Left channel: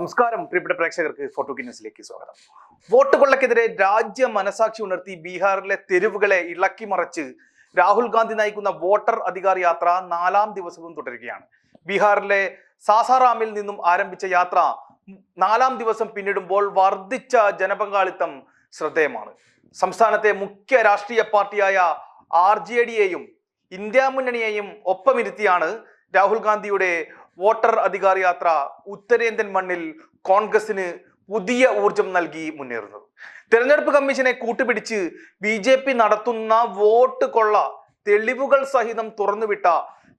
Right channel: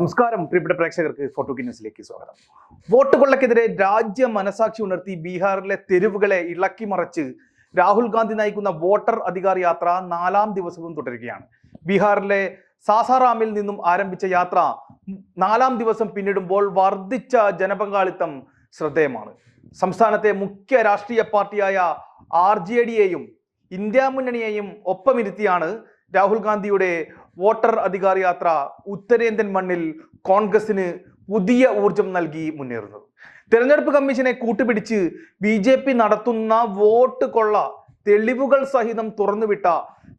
നമസ്കാരം പ്രിയപ്പെട്ട പ്രേക്ഷകർക്ക് ഫോട്ടോ ന്യൂസിലേക്ക് സ്വാഗതം. വോട്ട് കൊള്ളക്കെതിരെ രാജ്യ മനസാക്ഷി ഉണർത്തി ബീഹാറിലെ തെരുവുകളെ ഇളക്കി മറച്ച് രാഹുൽ ഗാന്ധി നയിക്കുന്ന വോട്ടർ അധികാർ യാത്ര നാലാം ദിവസവും തുടരുകയാണ്. ബീഹാറിലെ സാസാറാമിൽ നിന്നും ആരംഭിച്ച യാത്ര നാലാം ദിവസം പിന്നിടുമ്പോൾ വർദ്ധിച്ച ജനപങ്കാളിത്തം ശ്രദ്ധേയമാണ്. സംസ്ഥാനത്തെ മുഖ്യ രാഷ്ട്രീയ പാർട്ടിയായ ആർ ജെ ഡിയെയും ഇന്ത്യ മുന്നണിയെയും ഒപ്പമിരുത്തിയാണ് രാഹുൽ ഗാന്ധിയുടെ വോട്ടർ അധികാർ യാത്ര ഉത്തരേന്ത്യൻ മണ്ണിൽ കോൺഗ്രസിന് പുതിയ ഊർജം നൽകി മുന്നേറുന്നത്. തെരഞ്ഞെടുപ്പ് കമ്മീഷനെ കൂട്ടുപിടിച്ച് ബി ജെ പി നടത്തുന്ന വോട്ട് കൊള്ള തെളിവുകൾ സഹിതം തുറന്നുവിട്ട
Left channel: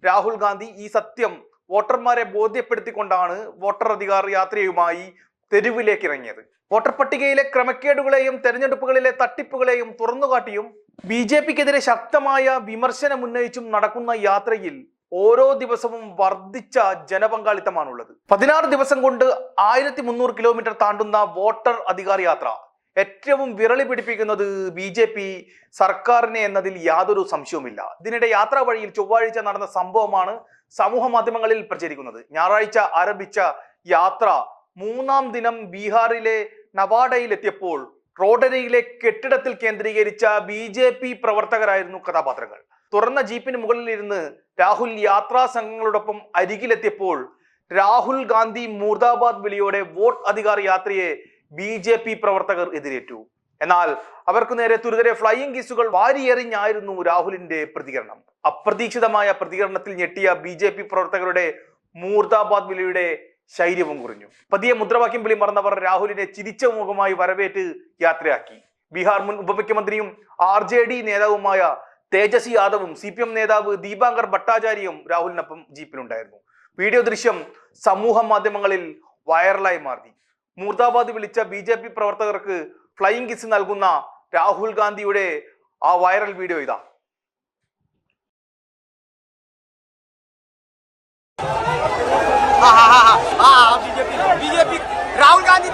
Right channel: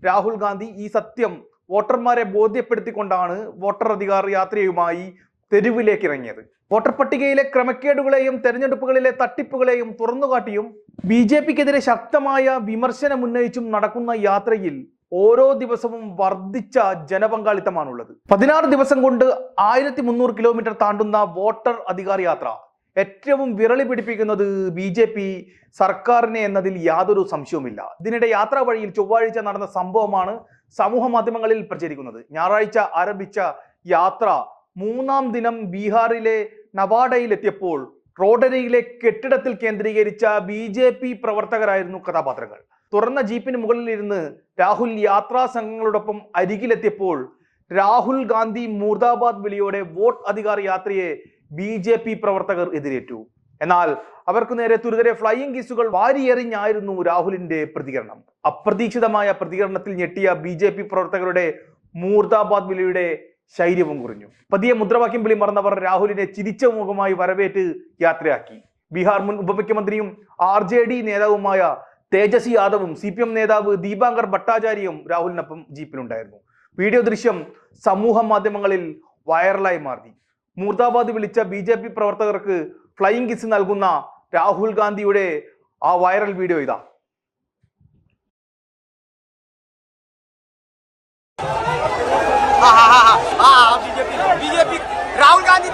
രാഹുൽ ഗാന്ധി ഈ സത്യം വോട്ടർമാരെ ബോധ്യപ്പെടുത്തിക്കൊണ്ടാണ് വോട്ടർ അധികാർ യാത്രയുമായി തെരുവിലേക്ക് ഇറങ്ങിയത്. വോട്ടർ പട്ടികയിലെ ക്രമക്കേടുകളെയും തെരഞ്ഞെടുപ്പുകളിലെ തട്ടിപ്പുകളെയും തുറന്നുകാട്ടിയും ബി ജെ പിക്കെതിരെ ശക്തമായ വിമർശനമുന്നയിച്ചും നടക്കുന്ന യാത്രയിൽ ഓരോ ദിവസവും വർദ്ധിച്ച ജനപങ്കാളിത്തമാണുള്ളത്. പതിനാറ് ദിവസം കൊണ്ട് ആയിരത്തി മുന്നൂറ് കിലോമീറ്റർ താണ്ടുന്ന വോട്ടർ അധികാർ യാത്ര ഏറ്റവും വിരളി പിടിപ്പിക്കുന്നത് ബി ജെ പി സർക്കാരിനെ എന്നതിൽ യാതൊരു സംശയവുമില്ല. ഇതിനിടെ യാത്രാ വഴിയിൽ ചൊവ്വാഴ്ച നടന്ന സംഭവമാണ് സമൂഹ മാധ്യമങ്ങളിൽ പ്രചരിക്കുന്നത്. ഞായറാഴ്ച ആരംഭിച്ച യാത്ര മൂന്നാം ദിനം ബീഹാറിലെ നവാഡയിൽ എത്തിയപ്പോൾ റോഡരിയിലെ കെട്ടിടത്തിൽ കേന്ദ്രീകരിച്ച ബി പ്രവർത്തകരായിരുന്നു കഥാപാത്രങ്ങൾ. തുറന്ന ജീപ്പിന് മുകളിൽ ഇരുന്ന് രാഹുൽ യാത്രാ സംഘങ്ങളോടൊപ്പം അരികിലെത്തിയപ്പോൾ രാഹുൽ ഗാന്ധി മൂർദാബാദ് വിളിയോടെ വോട്ട് അധികാർ യാത്രയെ ബി ജെ പി പ്രവർത്തകർ എതിരേറ്റു. എന്നാൽ അവർക്ക് നേരെ തുരിതരെ ഫ്ലൈയിങ് കിസുകൾ വാരിയെറിഞ്ഞായിരുന്നു രാഹുലിന്റെ പ്രതികരണം. അപ്രതീക്ഷിതമായ പ്രതികരണത്തിൽ ഞെട്ടിയ ബി ജെ പി പ്രവർത്തകരുടെ മൂർദാബാദ് വിളിയുടെ ശൈര്യവും കുറഞ്ഞു പതിയെ മുദ്രാവാക്യം വിളി മറന്നവർ രാഹുലിനെ ചിരിച്ച മുഖമായി വരവേറ്റ് യാത്രയാക്കി. ബീഹാർ മുൻ ഉപമുഖ്യമന്ത്രിയും ആർ ജെ ഡി നേതാവുമായ തേജസ് യാദവും സി പി എം നേതാവ് ദീപാങ്കർ ഭട്ടാചാര്യയും രാഹുലിനൊപ്പം ജീപ്പിലുണ്ടായിരുന്നു വീഡിയോ ദൃശ്യം സമൂഹ മാധ്യമങ്ങളിൽ വൈറലായി മാറി മൂർദാബാദ് വിളിച്ച ബി ജെ പി പ്രവർത്തകർക്ക് ഫ്ലൈയിങ് കിസ് നൽകുന്ന രാഹുൽ ഗാന്ധിയുടെ ആ വൈറൽ വീഡിയോ ഇതാ B J P Rahul Gandhi